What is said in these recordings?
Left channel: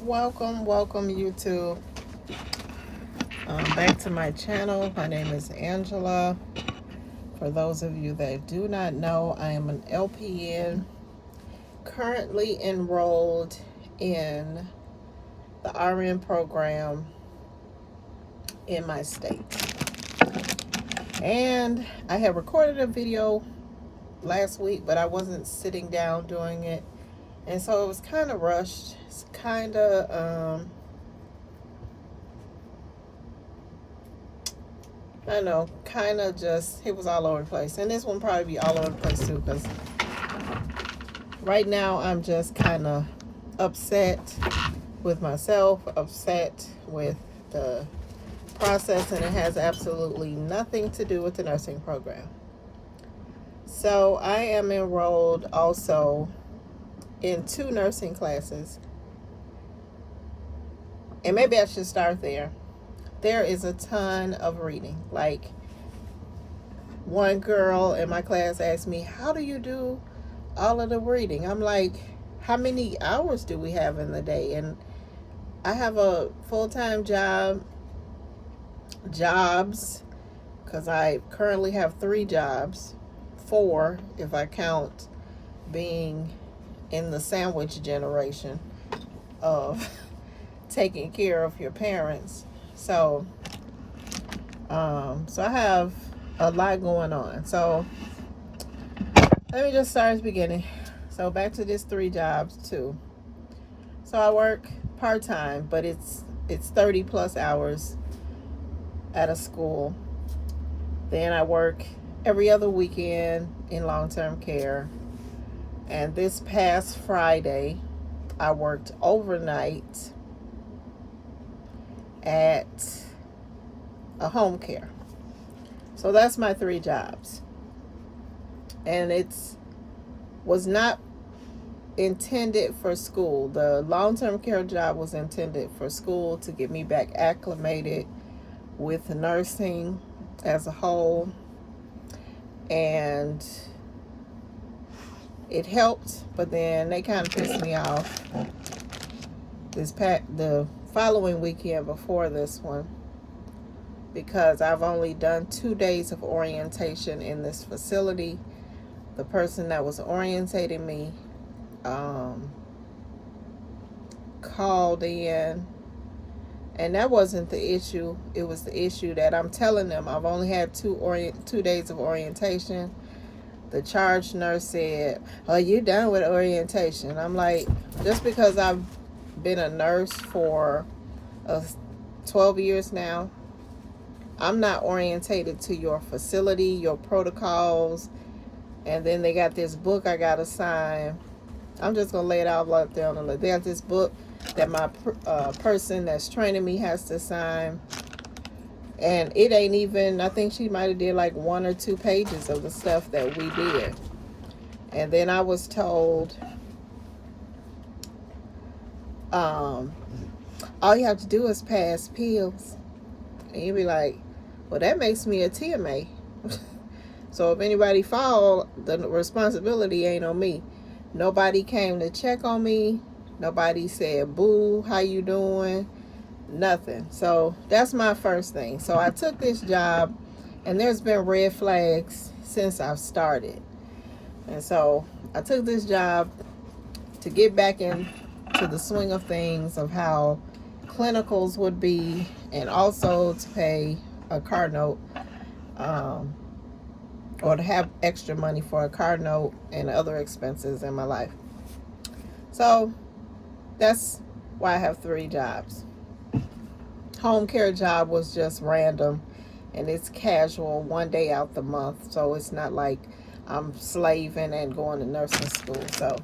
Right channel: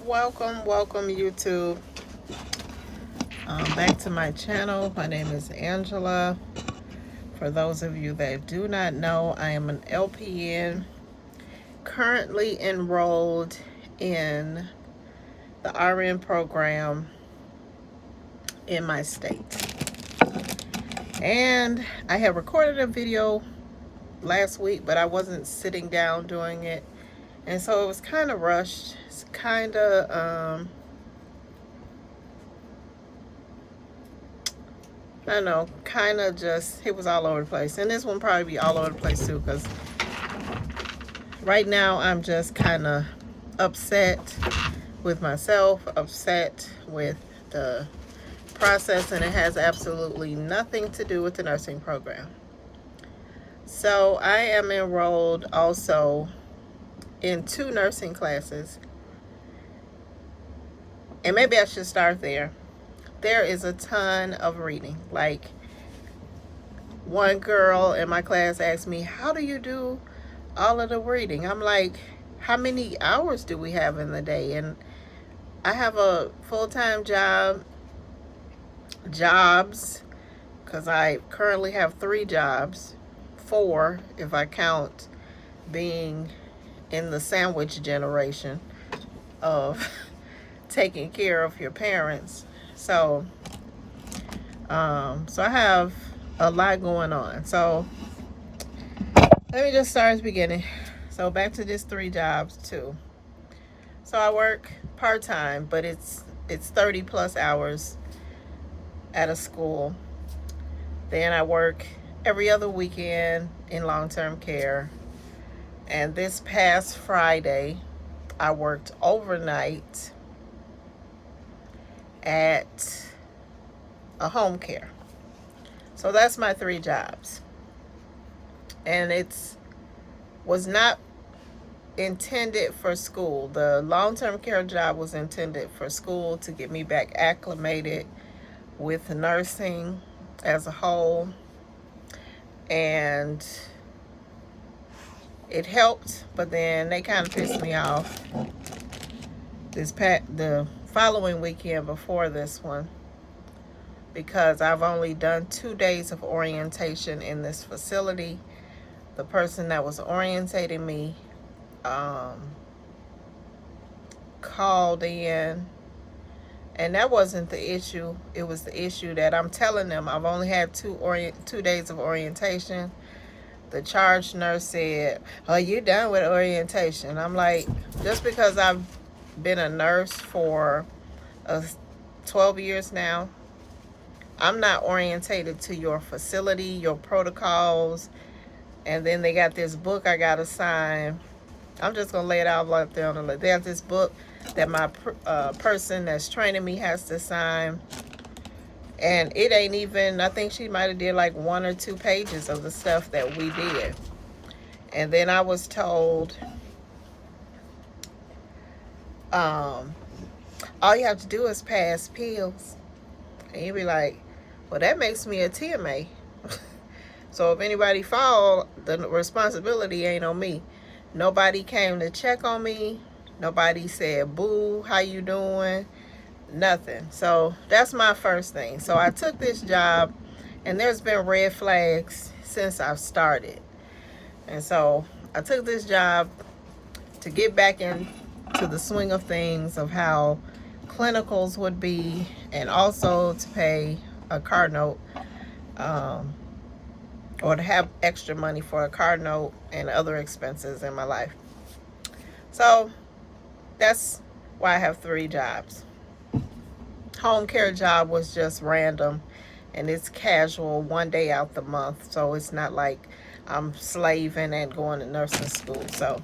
Welcome YouTube. Back to my channel. My name is Angela. For those of you that do not know, I am an LPN currently enrolled in the RN program in my state. And I have recorded a video last week, but I wasn't sitting down doing it. And so it was kind of rushed. It's kind of, I don't know, kind of just, it was all over the place. And this one probably be all over the place too, because right now I'm just kind of upset with myself, upset with the process, and it has absolutely nothing to do with the nursing program. So I am enrolled also in 2 nursing classes. And maybe I should start there. There is a ton of reading. Like, one girl in my class asked me, how do you do all of the reading? I'm like, how many hours do we have in the day? And I have a full-time jobs, because I currently have 3 jobs, 4 if I count being in the sandwich generation of taking care of your parents. So I have a lot going on. So let me just start at the beginning. So back to this 3 jobs too. So I work part-time, but it's 30 plus hours at a school. Then I work every other weekend in long-term care. And this past Friday, I worked overnight at a home care. So that's my 3 jobs. And was not intended for school. The long-term care job was intended for school to get me back acclimated with nursing as a whole. And it helped, but then they kind of pissed me off the following weekend before this one, because I've only done 2 days of orientation in this facility. The person that was orientating me called in, and that wasn't the issue. It was the issue that I'm telling them I've only had 2 days of orientation. The charge nurse said, "Are you done with orientation?" I'm like, just because I've been a nurse for 12 years now, I'm not orientated to your facility, your protocols, and then they got this book I gotta sign. I'm just gonna lay it out right there on the list. They have this book that my person that's training me has to sign, and it ain't even, I think she might have did like 1 or 2 pages of the stuff that we did. And then I was told, all you have to do is pass pills. And you'd be like, well, that makes me a TMA. So if anybody fall, the responsibility ain't on me. Nobody came to check on me. Nobody said, boo, how you doing? Nothing. So that's my first thing. So I took this job, and there's been red flags since I've started. And so I took this job to get back into the swing of things, of how clinicals would be, and also to pay a car note, or to have extra money for a car note and other expenses in my life. So that's why I have 3 jobs. Home care job was just random, and it's casual, 1 day out the month. So it's not like I'm slaving and going to nursing school. So,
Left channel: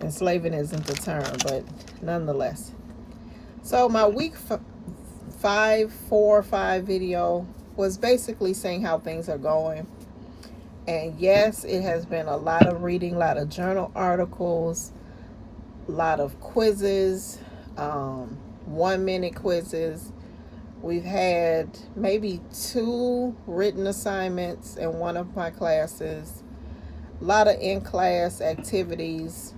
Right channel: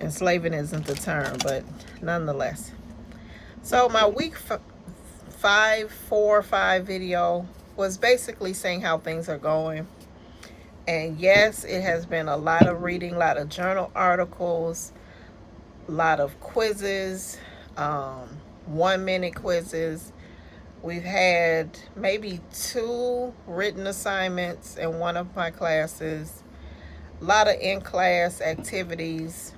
and slaving isn't the term, but nonetheless. So my week 4 or 5 video was basically saying how things are going. And yes, it has been a lot of reading, a lot of journal articles, a lot of quizzes, 1-minute quizzes. We've had maybe 2 written assignments in one of my classes, a lot of in-class activities,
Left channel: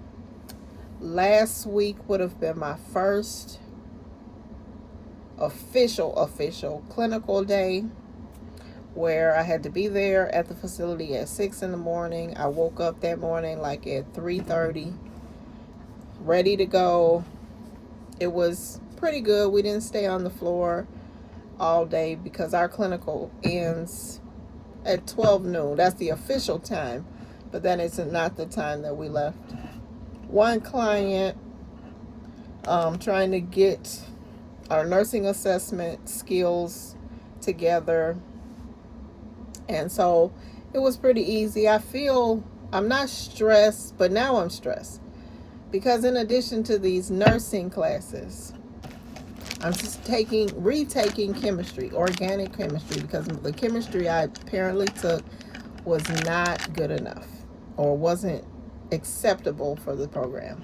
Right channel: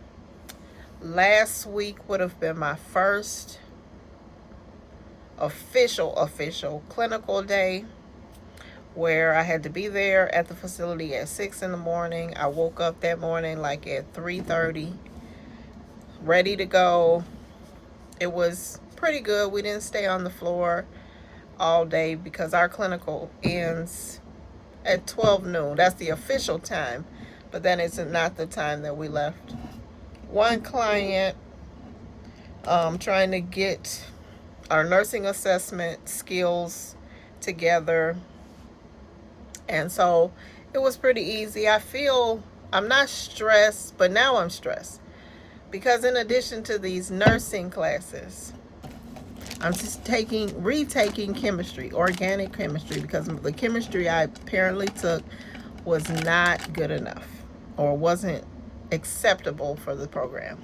Last week would have been my first official clinical day, where I had to be there at the facility at 6 in the morning. I woke up that morning like at 3:30, ready to go. It was pretty good. We didn't stay on the floor all day because our clinical ends at 12 noon. That's the official time, but then it's not the time that we left. One client trying to get our nursing assessment skills together, and so it was pretty easy. I feel I'm not stressed, but now I'm stressed because in addition to these nursing classes, I'm just retaking chemistry, organic chemistry, because the chemistry I apparently took was not good enough or wasn't acceptable for the program.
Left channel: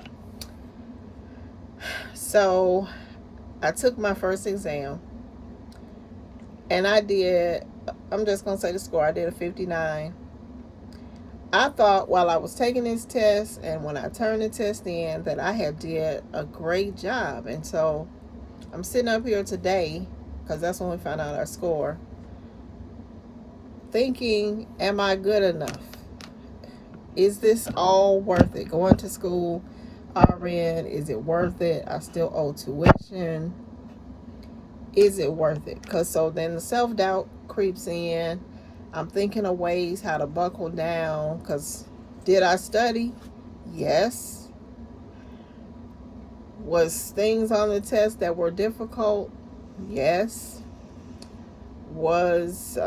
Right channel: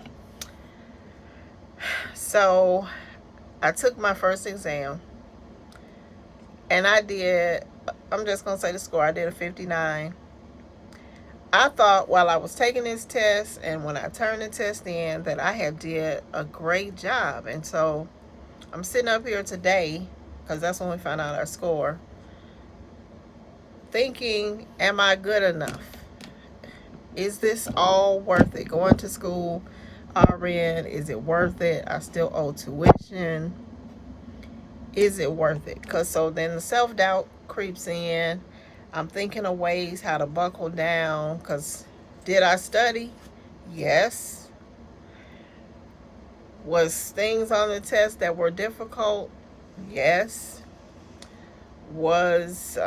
So I took my first exam and I'm just going to say the score, I did a 59. I thought while I was taking this test and when I turned the test in that I had did a great job. And so I'm sitting up here today, because that's when we found out our score, thinking, am I good enough? Is this all worth it? Going to school, RN, is it worth it? I still owe tuition. Is it worth it? Because so then the self-doubt creeps in. I'm thinking of ways how to buckle down, because did I study? Yes. Was things on the test that were difficult? Yes. Was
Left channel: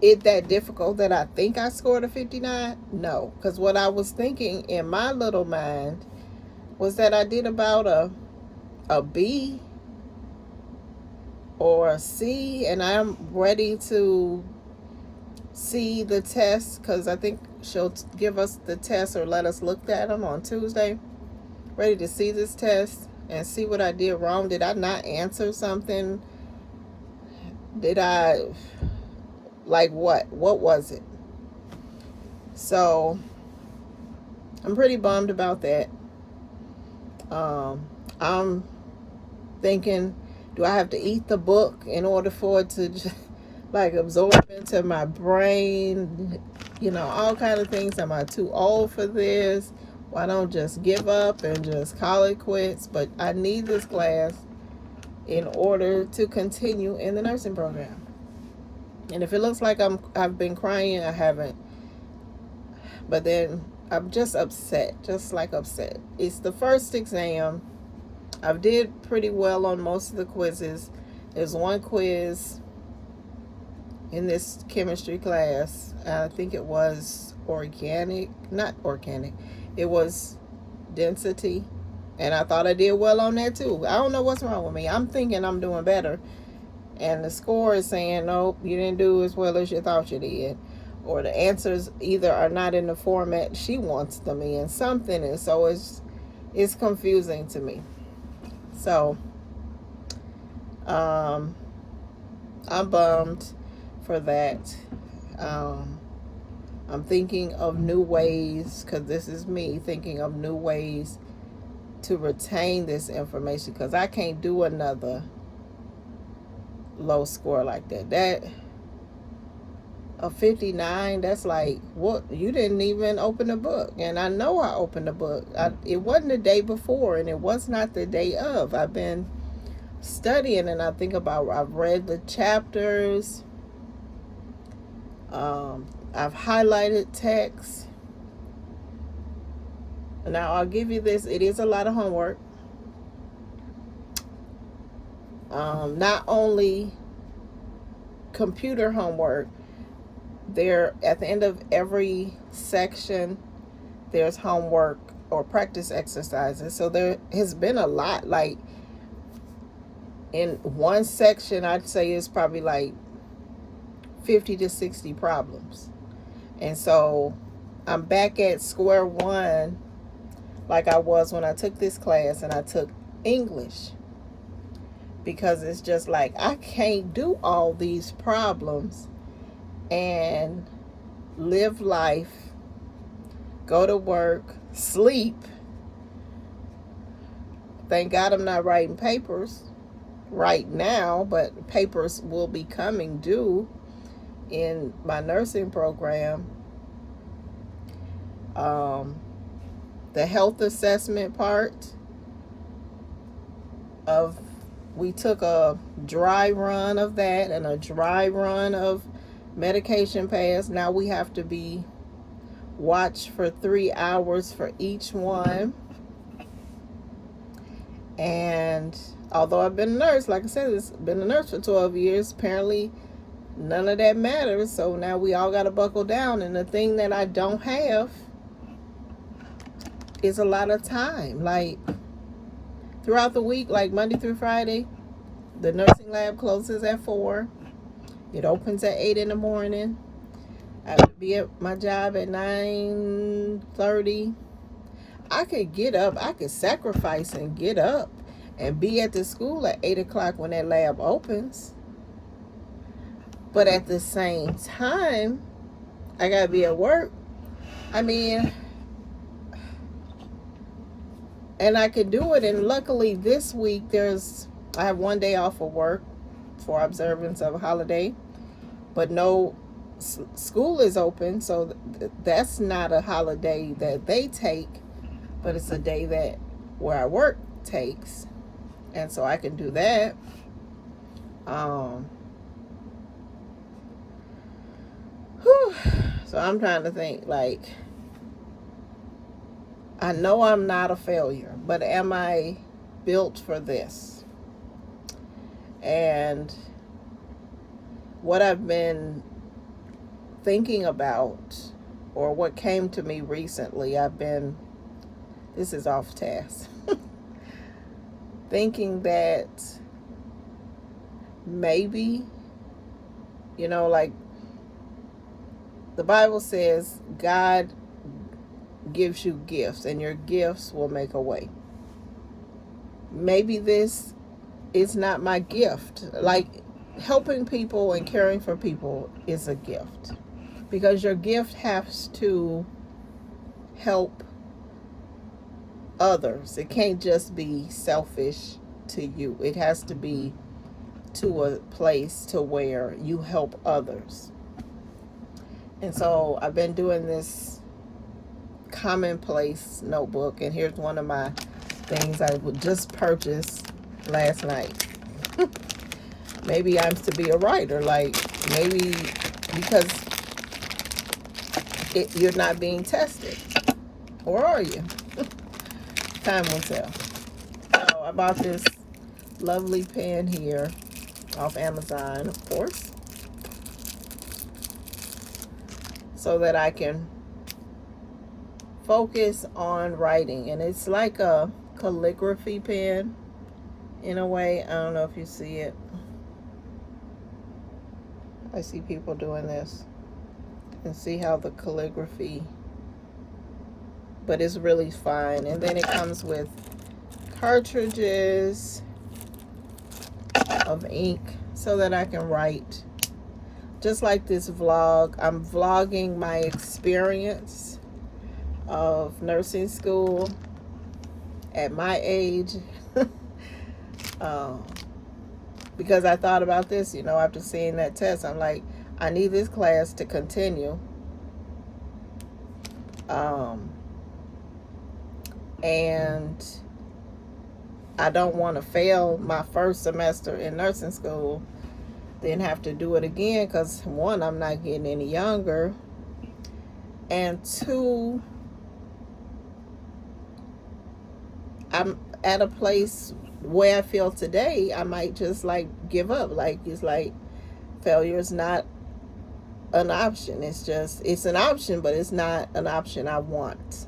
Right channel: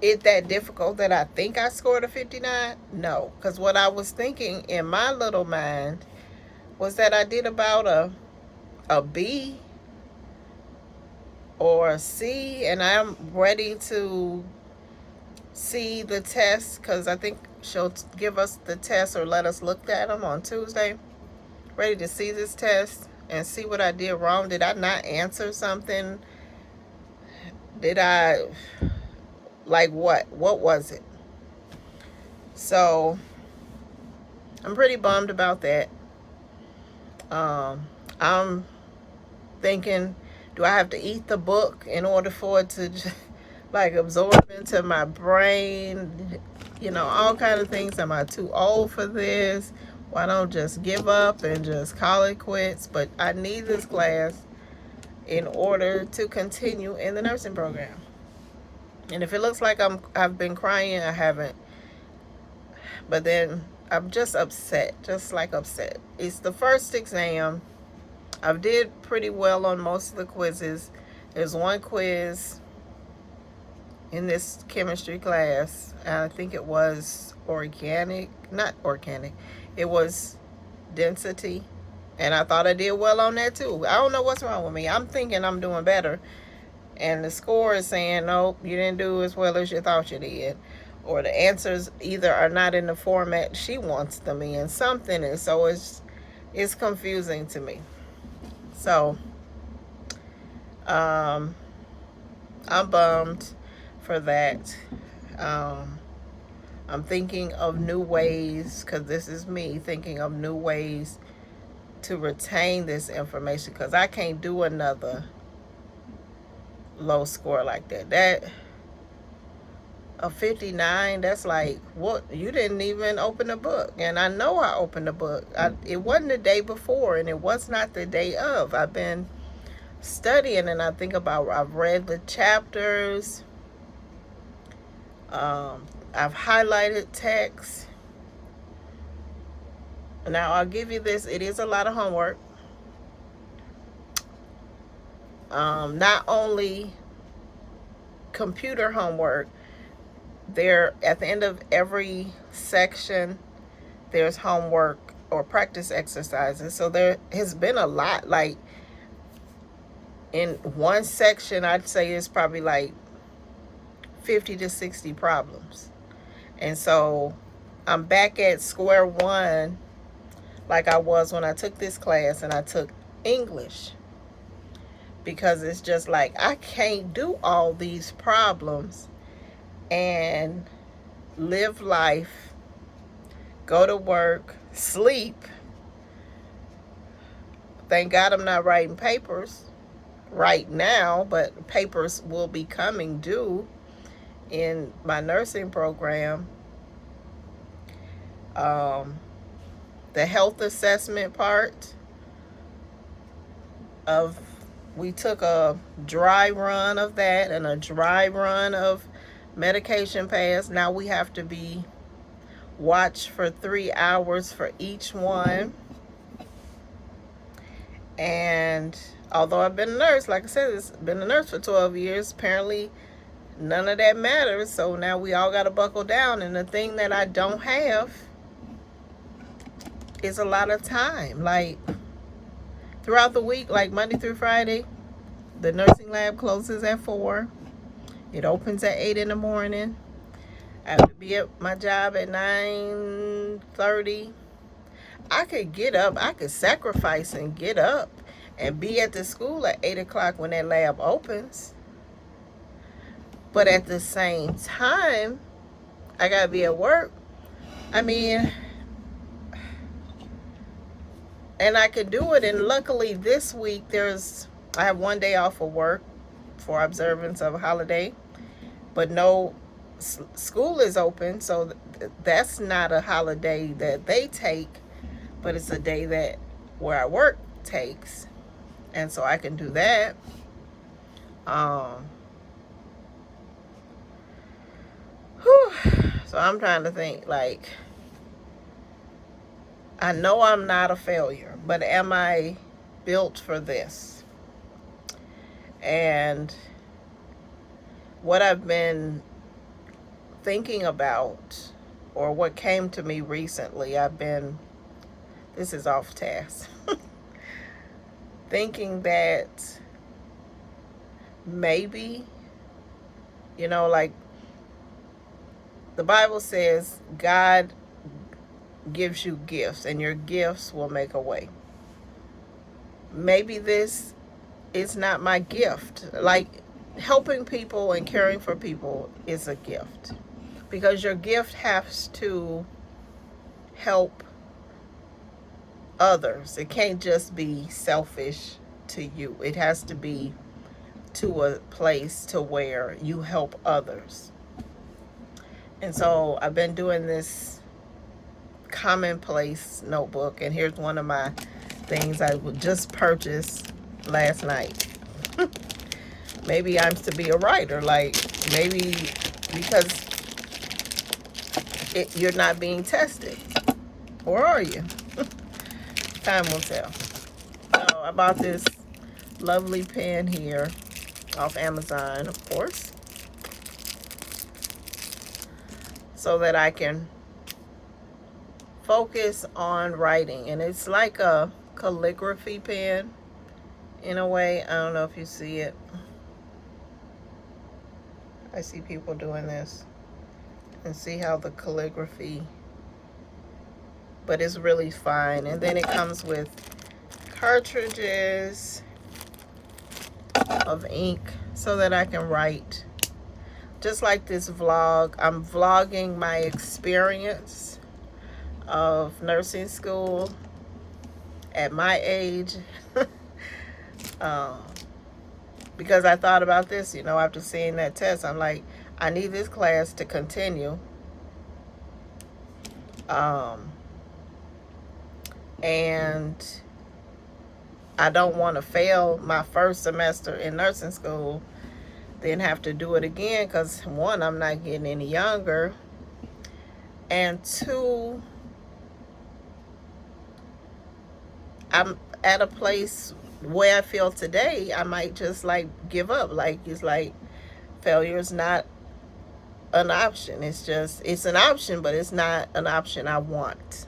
it that difficult that I think I scored a 59? No, because what I was thinking in my little mind was that I did about a B or a C, and I'm ready to see the test, because I think she'll give us the test or let us look at them on Tuesday. Ready to see this test and see what I did wrong. Did I not answer something? Did I, like what was it? So I'm pretty bummed about that. I'm thinking, do I have to eat the book in order for it to like absorb into my brain? You know, all kind of things. Am I too old for this? Why don't just give up and just call it quits? But I need this class in order to continue in the nursing program. And if it looks like I've been crying, I haven't. But then I'm just upset, just like upset. It's the first exam. I did pretty well on most of the quizzes. There's one quiz in this chemistry class. I think it was not organic. It was density. And I thought I did well on that too. I don't know what's wrong with me. I'm thinking I'm doing better. And the score is saying, nope, you didn't do as well as you thought you did. Or the answers either are not in the format she wants them in, something. And so it's confusing to me. So I'm bummed for that. I'm thinking of new ways, because this is me thinking of new ways to retain this information, because I can't do another low score like that. A 59, that's like, what? You didn't even open a book. And I know I opened a book. It wasn't the day before, and it was not the day of. I've been studying, and I think about, I've read the chapters. I've highlighted text. Now, I'll give you this. It is a lot of homework. Not only computer homework, there at the end of every section there's homework or practice exercises. So there has been a lot. Like in one section, I'd say it's probably like 50 to 60 problems. And so I'm back at square one, like I was when I took this class and I took English, because it's just like I can't do all these problems and live life go to work, sleep. Thank God I'm not writing papers right now, but papers will be coming due in my nursing program. The health assessment part of, we took a dry run of that and a dry run of medication pass. Now we have to be watched for 3 hours for each one. And although I've been a nurse, like I said, it's been a nurse for 12 years, apparently none of that matters. So now we all got to buckle down. And the thing that I don't have is a lot of time. Like throughout the week, like Monday through Friday, the nursing lab closes at 4. It opens at 8 in the morning. I have to be at my job at 9:30. I could get up, I could sacrifice and get up and be at the school at 8 o'clock when that lab opens. But at the same time, I gotta be at work. I mean, and I could do it. And luckily this week I have 1 day off of work for observance of a holiday, but no, school is open, so that's not a holiday that they take, but it's a day that where I work takes, and so I can do that. So I'm trying to think, like, I know I'm not a failure, but am I built for this? And what I've been thinking about, or what came to me recently, this is off task, thinking that maybe, like the Bible says, God gives you gifts and your gifts will make a way. Maybe this is not my gift. Like helping people and caring for people is a gift, because your gift has to help others. It can't just be selfish to you. It has to be to a place to where you help others. And so I've been doing this commonplace notebook, and here's one of my things I just purchased last night. Maybe I'm to be a writer, like maybe because you're not being tested, or are you? Time will tell. Oh, I bought this lovely pen here off Amazon, of course, so that I can focus on writing. And it's like a calligraphy pen in a way. I don't know if you see it. I see people doing this, and see how the calligraphy, but it's really fine. And then it comes with cartridges of ink so that I can write. Just like this vlog, I'm vlogging my experience of nursing school at my age. Because I thought about this, after seeing that test, I'm like, I need this class to continue. And I don't want to fail my first semester in nursing school, then have to do it again, because 1, I'm not getting any younger, and 2, I'm at a place where I feel today, I might just like give up. Like it's like failure is not an option. It's an option, but it's not an option I want.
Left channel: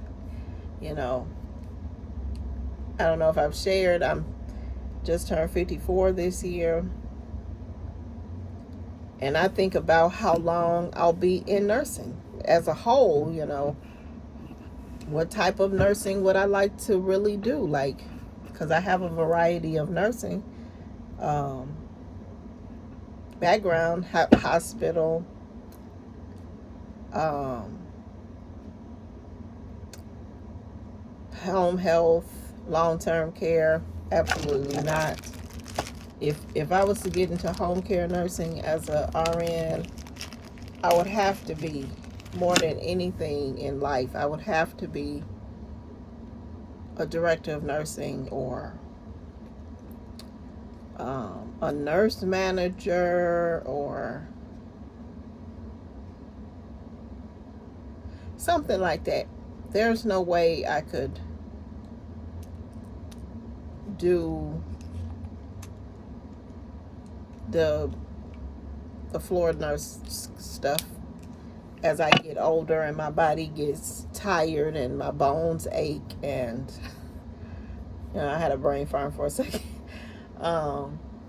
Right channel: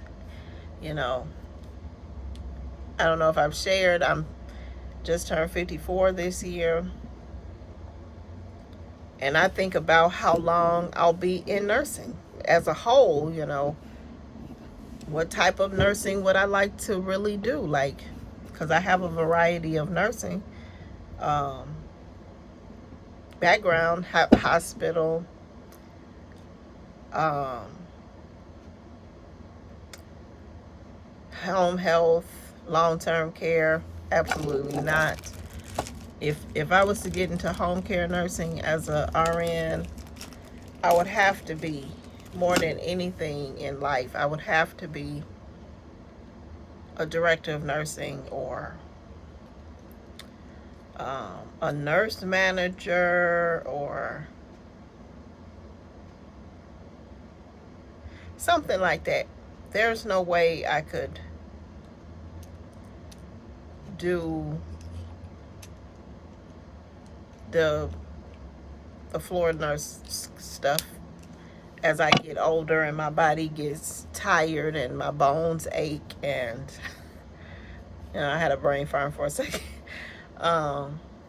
I don't know if I've shared, I'm just turned 54 this year. And I think about how long I'll be in nursing as a whole, what type of nursing would I like to really do? Like, because I have a variety of nursing background, hospital, home health, long-term care, absolutely not. If I was to get into home care nursing as a RN, I would have to be, more than anything in life, I would have to be a director of nursing, or a nurse manager, or something like that. There's no way I could do the floor nurse stuff as I get older and my body gets tired and my bones ache, and I had a brain fart for a second.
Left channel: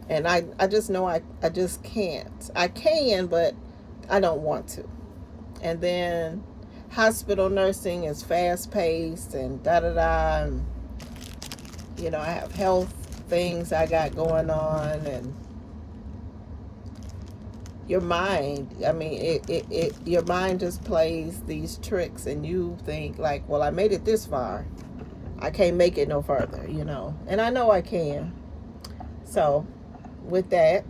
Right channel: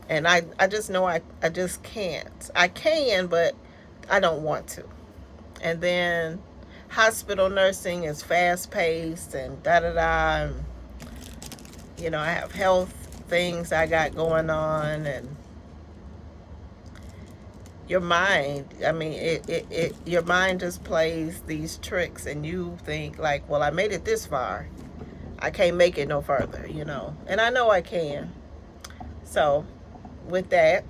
And I just know I just can't. I can, but I don't want to. And then hospital nursing is fast paced and da da da. And, I have health things I got going on, and your mind, I mean, your mind just plays these tricks, and you think like, well, I made it this far, I can't make it no further, and I know I can. So with that,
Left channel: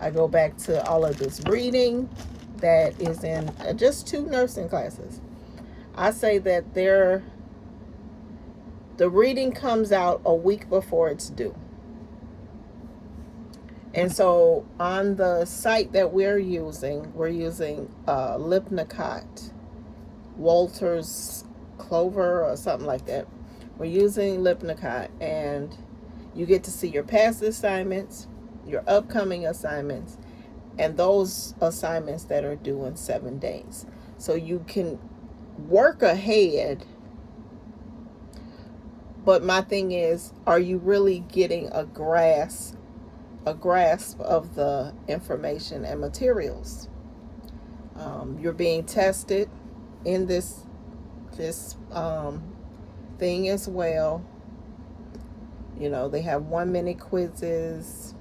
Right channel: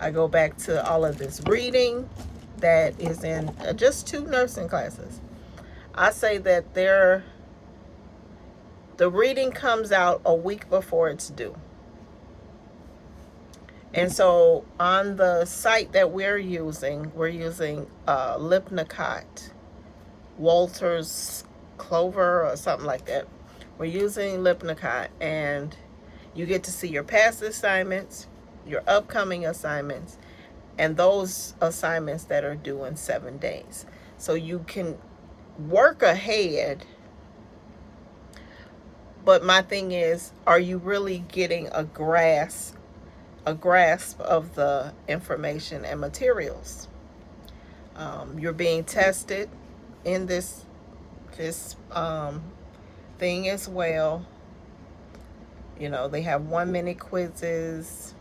I go back to all of this reading that is in just 2 nursing classes. I say that the reading comes out a week before it's due. And so on the site that we're using Lippincott, Wolters Kluwer, or something like that. We're using Lippincott, and you get to see your past assignments, your upcoming assignments, and those assignments that are due in 7 days. So you can work ahead. But my thing is, are you really getting a grasp of the information and materials? You're being tested in this thing as well. They have 1-minute quizzes.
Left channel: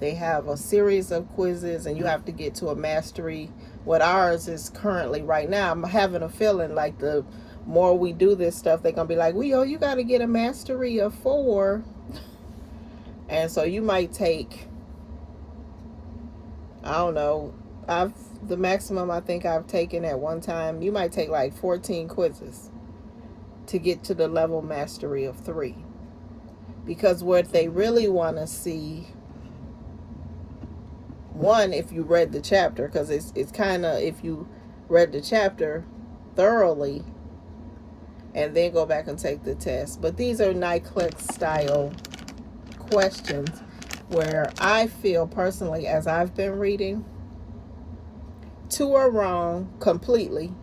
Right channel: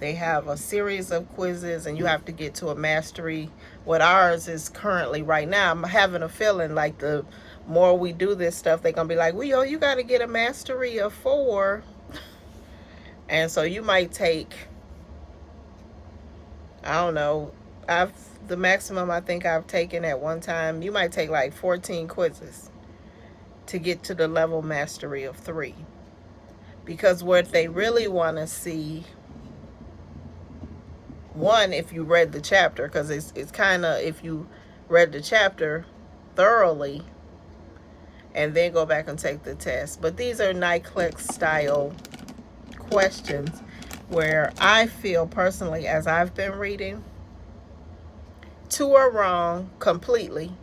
They have a series of quizzes, and you have to get to a mastery. What ours is currently right now, I'm having a feeling like the more we do this stuff, they're going to be like, well, you got to get a mastery of 4. And so you might take, I don't know, the maximum I think I've taken at one time, you might take like 14 quizzes to get to the level mastery of 3. Because what they really want to see, one, if you read the chapter, because it's kind of, if you read the chapter thoroughly and then go back and take the test. But these are NCLEX style questions where I feel personally, as I've been reading, 2 are wrong completely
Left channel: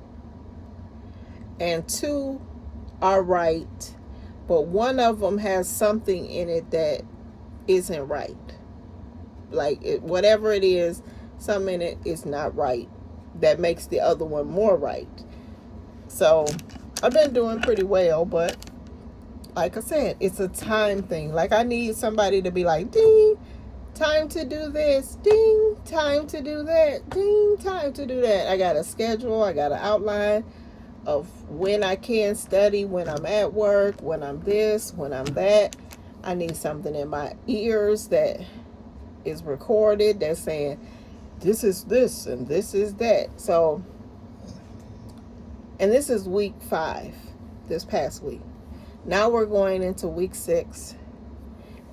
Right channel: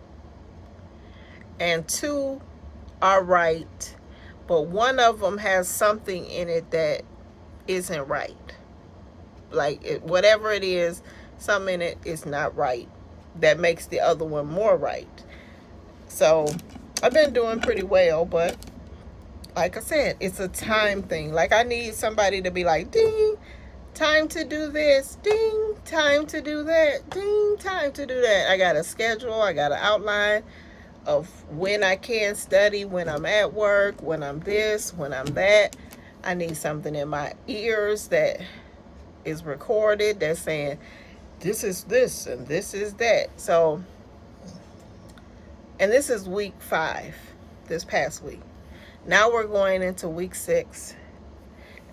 and 2 are right, but one of them has something in it that isn't right. Like whatever it is, something in it is not right that makes the other one more right. So I've been doing pretty well, but like I said, it's a time thing. Like I need somebody to be like, ding, time to do this, ding, time to do that, ding, time to do that. I got a schedule, I got an outline of when I can study, when I'm at work, when I'm this, when I'm that. I need something in my ears that is recorded that's saying, this is this and this is that. So, and this is week 5, this past week. Now we're going into week 6,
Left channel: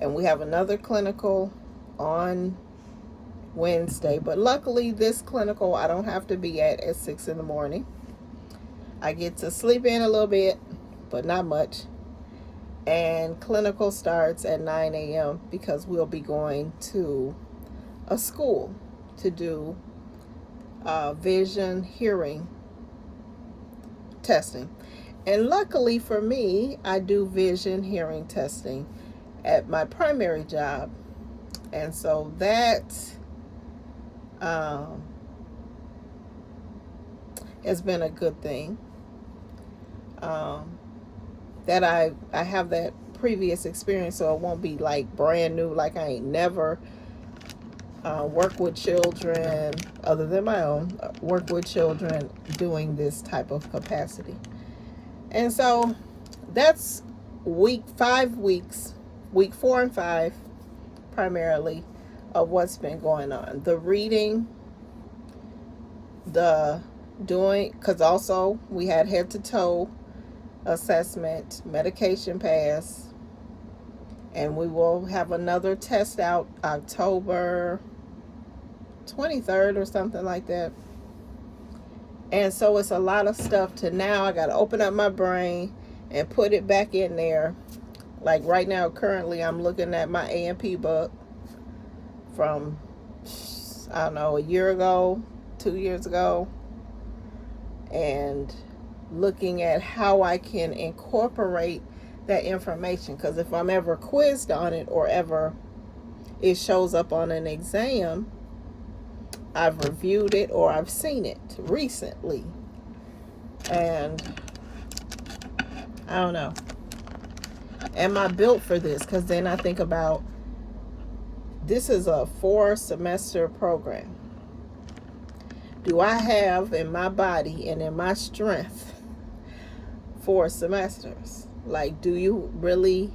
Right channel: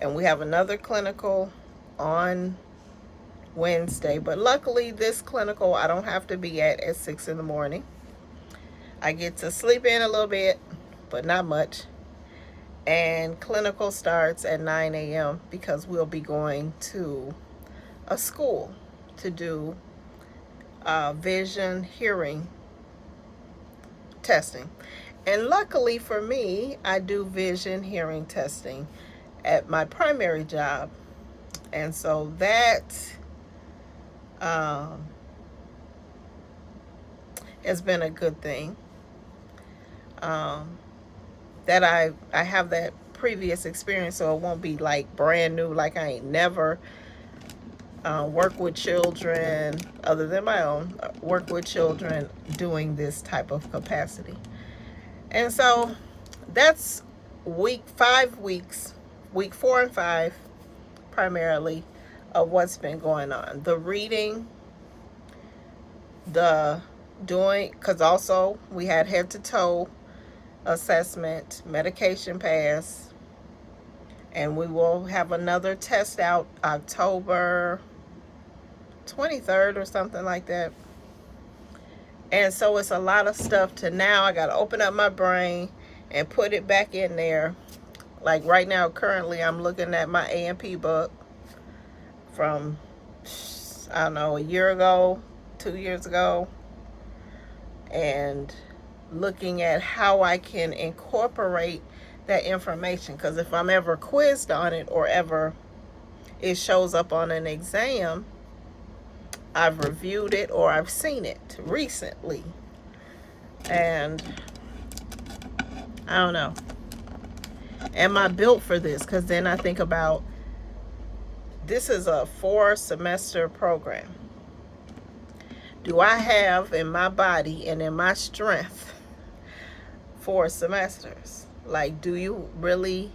and we have another clinical on Wednesday. But luckily, this clinical I don't have to be at 6 in the morning. I get to sleep in a little bit, but not much. And clinical starts at 9 a.m. because we'll be going to a school to do vision hearing testing. And luckily for me, I do vision hearing testing at my primary job. And so that has been a good thing. That I have that previous experience, so it won't be like brand new, like I ain't never worked with children other than my own, work with children doing this type of capacity. And so that's week 5 weeks, week 4 and 5 primarily, of what's been going on. The reading, the doing, because also we had head to toe assessment, medication pass, and we will have another test out October 23rd or something like that. And so it's a lot of stuff to now. I got to open up my brain and put it back in there. Like right now, currently, I'm looking at my A&P book from, I don't know, a year ago, 2 years ago, and looking at how I can incorporate that information. Because if I'm ever quizzed on it or ever it shows up on an exam, I've reviewed it or I've seen it recently. And I don't know. Am I built for this? Because then I think about, this is a 4-semester program. Do I have in my body and in my strength 4 semesters? Like, do you really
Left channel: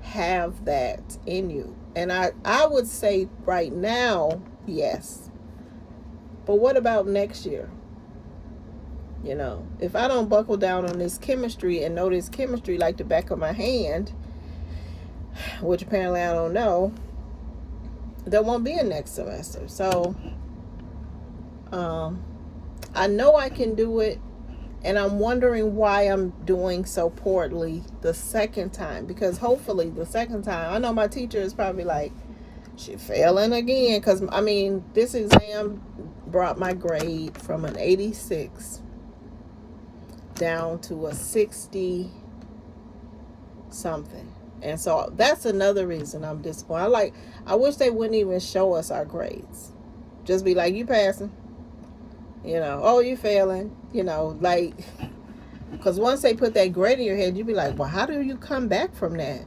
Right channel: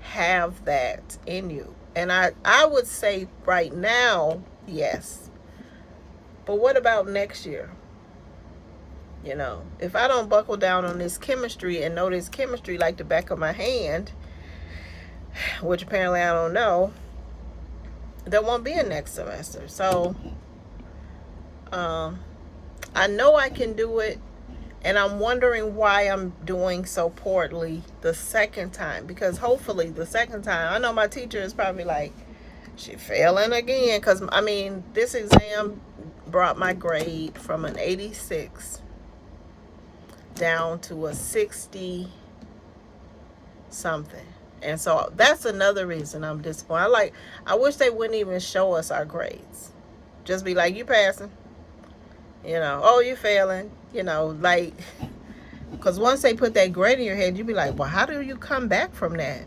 have that in you? And I would say right now, yes. But what about next year? You know, if I don't buckle down on this chemistry and know this chemistry like the back of my hand, which apparently I don't know, there won't be a next semester. So I know I can do it, and I'm wondering why I'm doing so poorly the second time. Because hopefully the second time, I know my teacher is probably like, she failing again. Because, I mean, this exam brought my grade from an 86 down to a 60 something. And so that's another reason I'm disappointed. I wish they wouldn't even show us our grades. Just be like, you passing, you know, oh, you failing, you know, like, because once they put that grade in your head, you be like, well, how do you come back from that?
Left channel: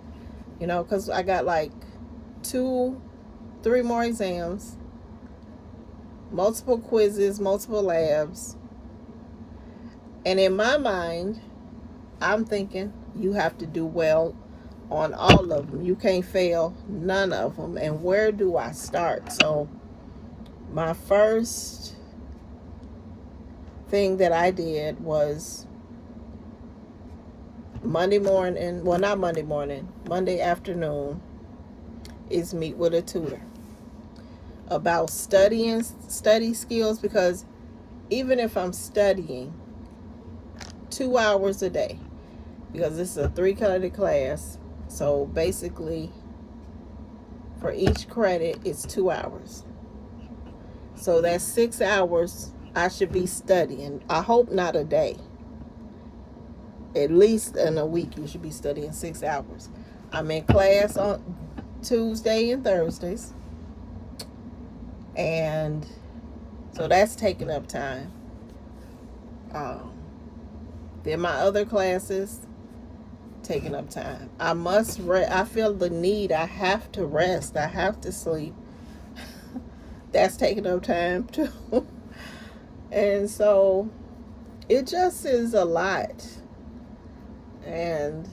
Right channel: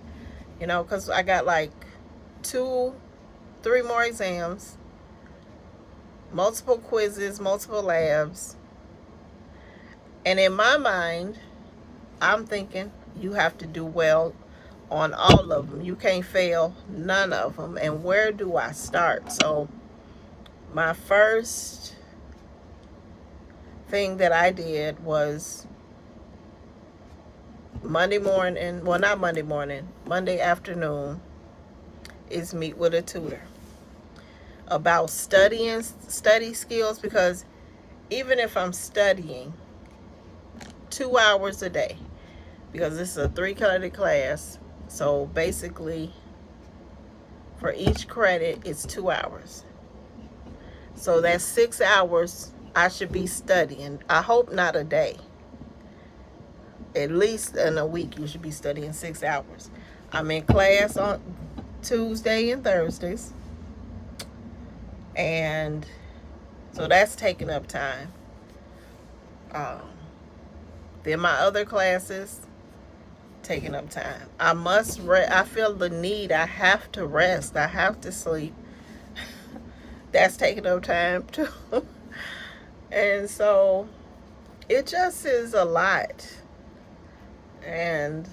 You know, because I got like 2-3 more exams, multiple quizzes, multiple labs. And in my mind, I'm thinking you have to do well on all of them. You can't fail none of them. And where do I start? So my first thing that I did was Monday morning, well, not Monday morning, Monday afternoon, is meet with a tutor about study skills. Because even if I'm studying 2 hours a day, because this is a 3-credit class, so basically for each credit it's 2 hours, so that's 6 hours I should be studying. I hope not a day, at least in a week you should be studying 6 hours. I'm in class on Tuesday and Thursdays, and so that's taking up time. Then my other classes taking up time. I must rest. I feel the need. I have to rest. I have to sleep. That's taking up time too. And so it just is a lot. And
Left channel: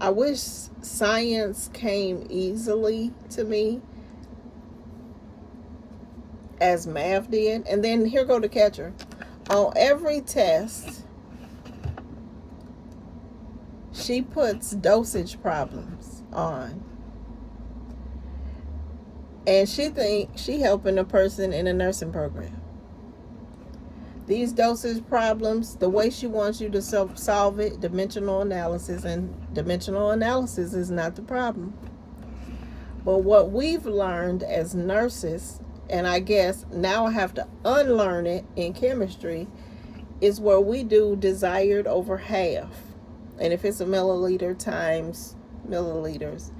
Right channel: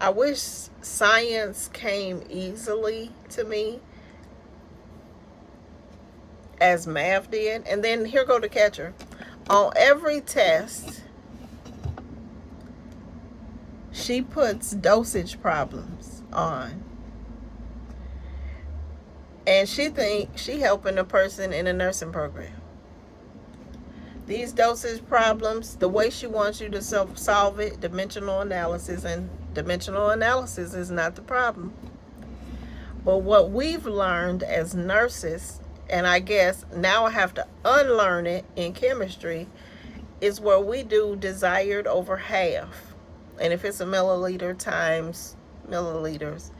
I wish science came easily to me as math did. And then here go the catcher. On every test, she puts dosage problems on. And she thinks she helping a person in a nursing program. These dosage problems, the way she wants you to solve it, dimensional analysis, and dimensional analysis is not the problem. But what we've learned as nurses, and I guess now I have to unlearn it in chemistry, is where we do desired over half. And if it's a milliliter times milliliters,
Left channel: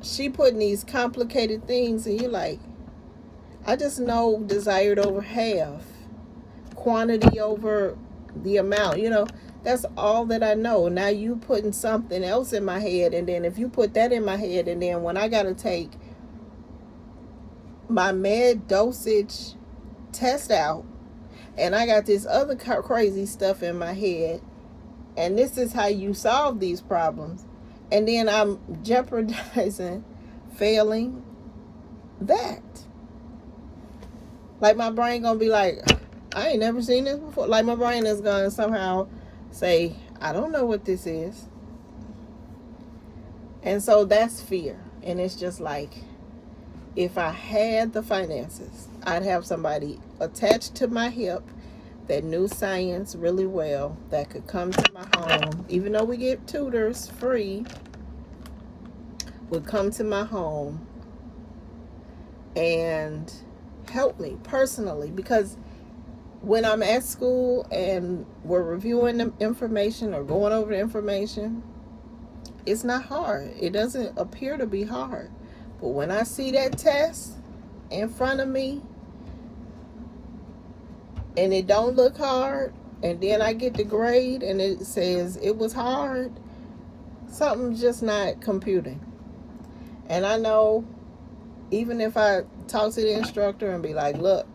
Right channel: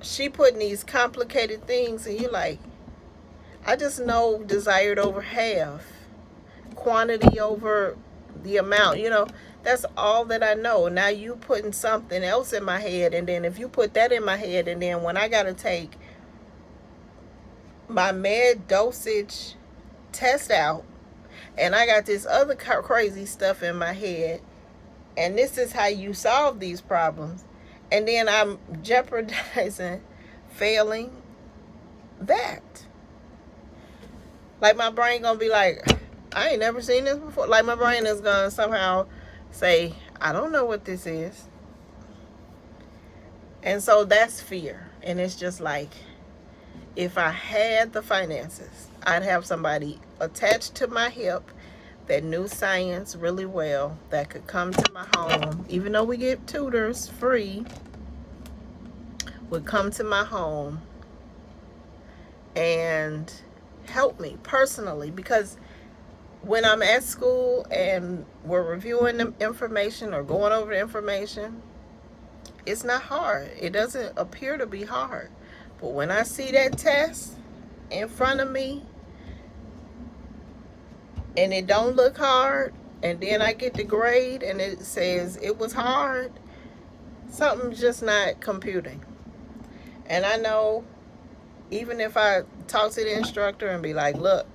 she putting these complicated things, and you're like, I just know desired over half, quantity over the amount, you know, that's all that I know. Now you putting something else in my head, and then if you put that in my head, and then when I got to take my med dosage test out, and I got this other crazy stuff in my head, and this is how you solve these problems, and then I'm jeopardizing failing that. Like, my brain gonna be like, I ain't never seen this before. Like, my brain is gonna somehow say, I don't know what this is. And so that's fear. And it's just like, if I had the finances, I'd have somebody attached to my hip that knew science really well, that could come to my home, even though we get tutors free, would come to my home and help me personally. Because when I'm at school and we're reviewing the information or going over the information, it's not hard. It doesn't appear to be hard. But when I see that test in front of me and it don't look hard, and then I get the grade and it says it was hard, something's just not computing. And I know, even if I talk to the instructor and be like, look,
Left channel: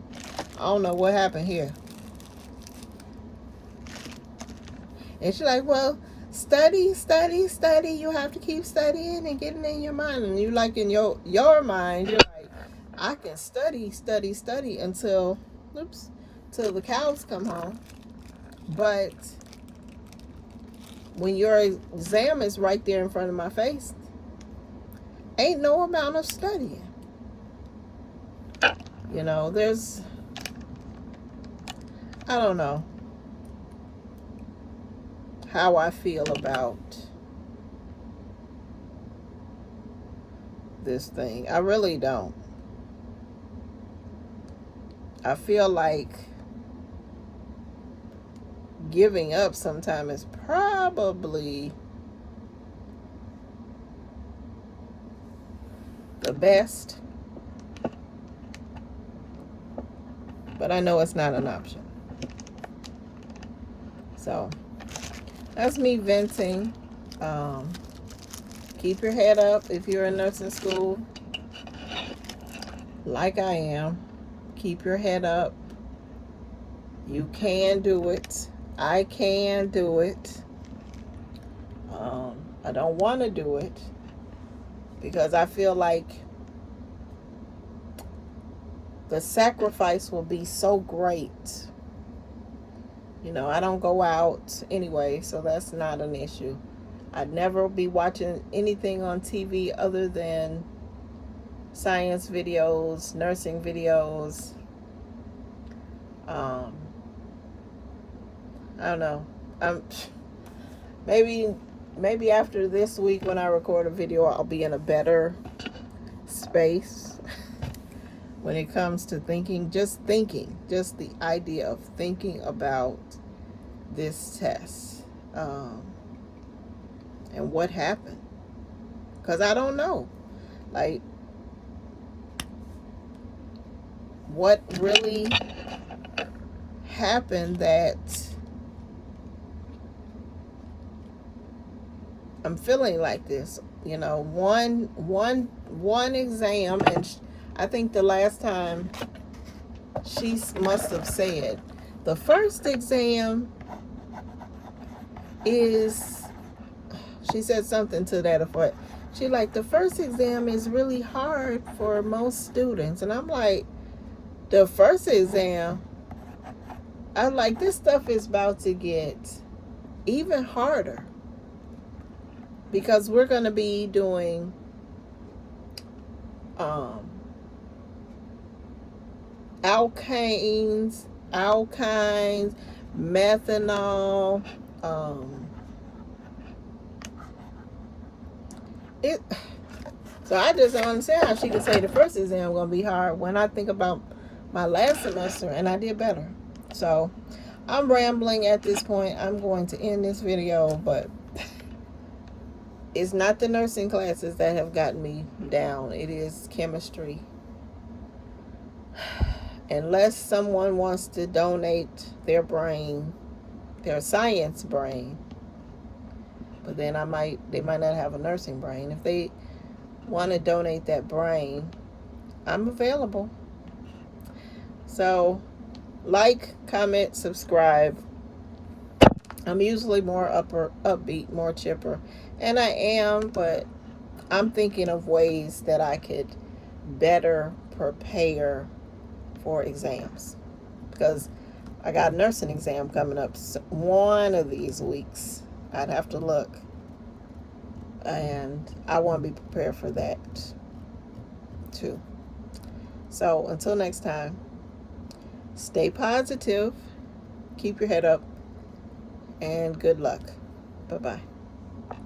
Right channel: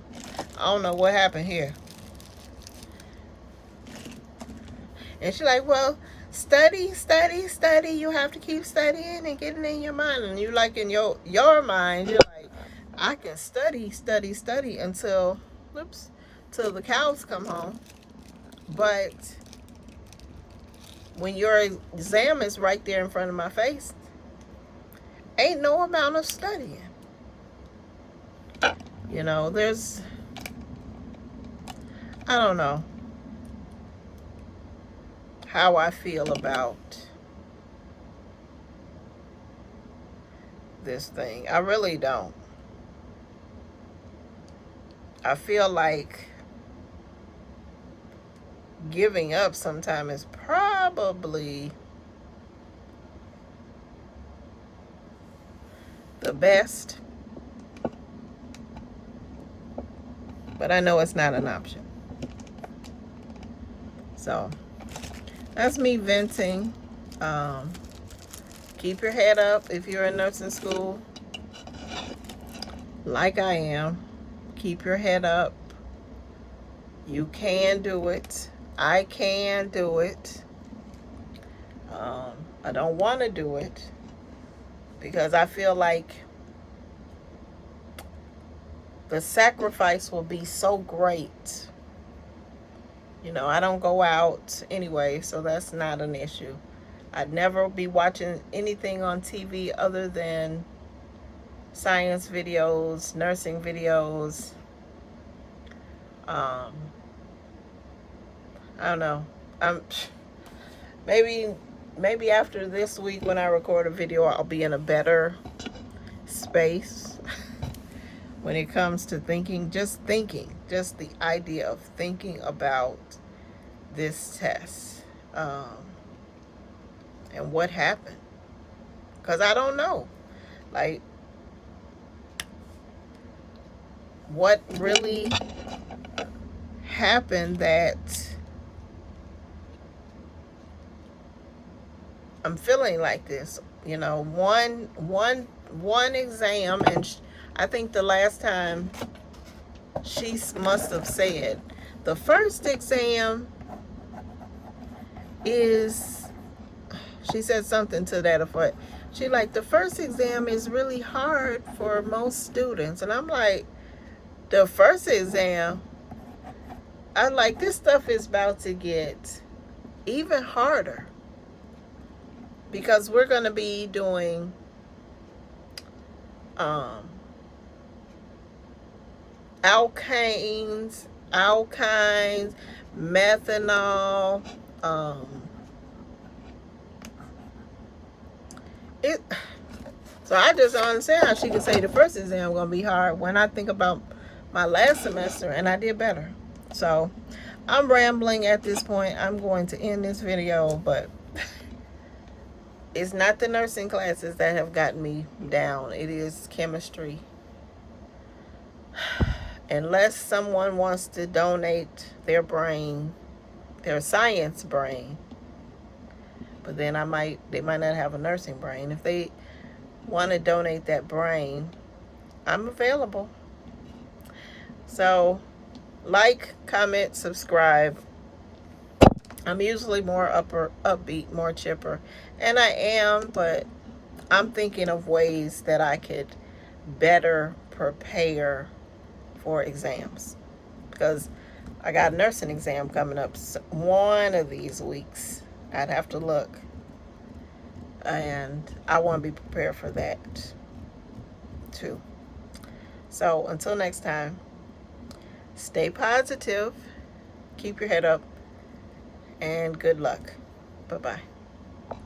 I don't know what happened here. And she's like, well, study. You have to keep studying and getting in your mind. And you like, in your mind, you're like, I can study until the cows come home. But when your exam is right there in front of my face, ain't no amount of studying. You know, I don't know how I feel about this thing. I really don't. I feel like giving up sometime is probably the best, but I know it's not an option. So that's me venting. Keep your head up if you're in nursing school, like I am. Keep your head up. You can do it. I can do it. I don't want to do it because I feel like the sacrifice will be so great. You know, I don't go out anyway, so that's not an issue. I'd never be watching anything on TV other than science videos, nursing videos. I don't know. Maybe after this week when I record a video, I'll be in a better space when it comes to thinking, just the idea of thinking about this test, and what happened, because I don't know, like, what really happened that I'm feeling like this. You know, one exam, and I think the last time she must have said the first exam is, she said something to that effect. She like, the first exam is really hard for most students. And I'm like, the first exam? I'm like, this stuff is about to get even harder, because we're going to be doing alkynes, methanol. So I just don't understand how she could say the first exam going to be hard when I think about my last semester and I did better. So I'm rambling at this point. I'm going to end this video, but it's not the nursing classes that have gotten me down. It is chemistry. Unless someone wants to donate their brain, their science brain, but then they might not have a nursing brain. If they want to donate that brain, I'm available. So Like, comment, subscribe. I'm usually more upbeat, more chipper. And I am, but I'm thinking of ways that I could better prepare for exams. Because I got a nursing exam coming up one of these weeks. I'd have to look. And I want to be prepared for that too. So until next time, stay positive, keep your head up, and good luck. Bye-bye.